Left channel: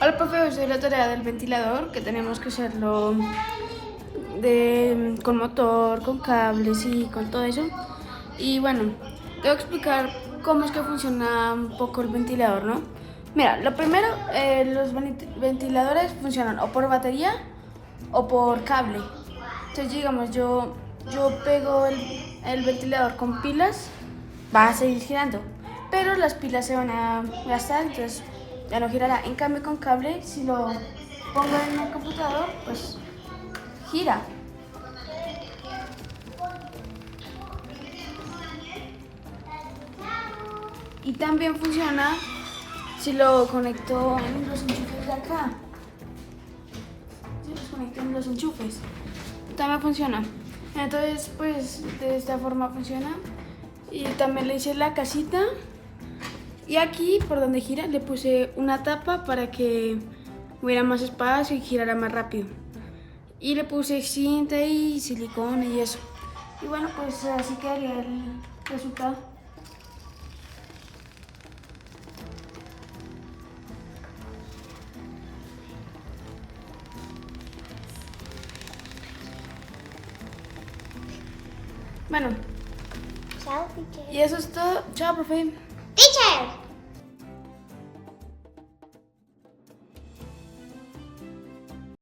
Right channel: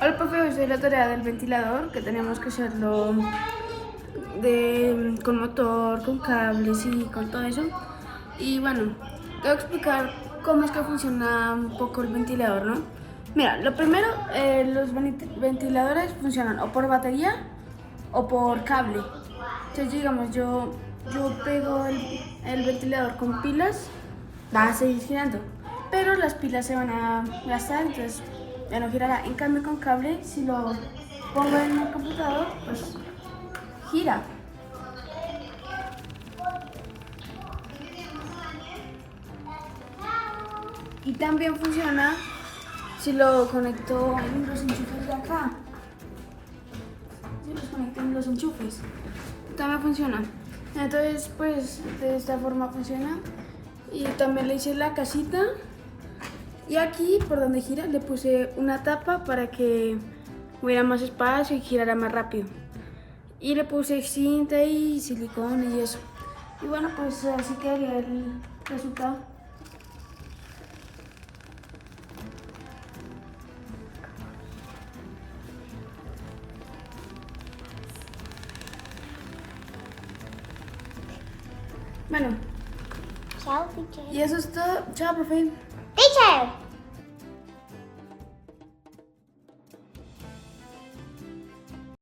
Hola, profe, hoy soy la tarea del ventilador, que tenemos que hacerlo con motor, con cables y con todo eso. Y bueno, te voy a explicar cómo es que funciona un poco el ventilador, ¿no? Mira, lo primero, los ventiladores funcionan o por batería o por cable. Entonces, digamos, yo pego el ventilador con pilas, va a seguir girando, pero las pilas se van a gastar, entonces ya no girará. En cambio, con cable, si lo pongo en el computador, pues gira. Y también funciona si lo conecto en los enchufes de acá. Si los conecto en los enchufes, también funciona. Entonces, pues de esta forma funciona. Y también le hice la casita. Y aquí, por donde gira, le puse una tapa para que hubiera más espacio y girara más rápido. Y le puse cinta y silicona y eso. Y bueno, pues así quedaría el resultado. Bueno, Chao, teacher. y eso es todo. Chao, profe.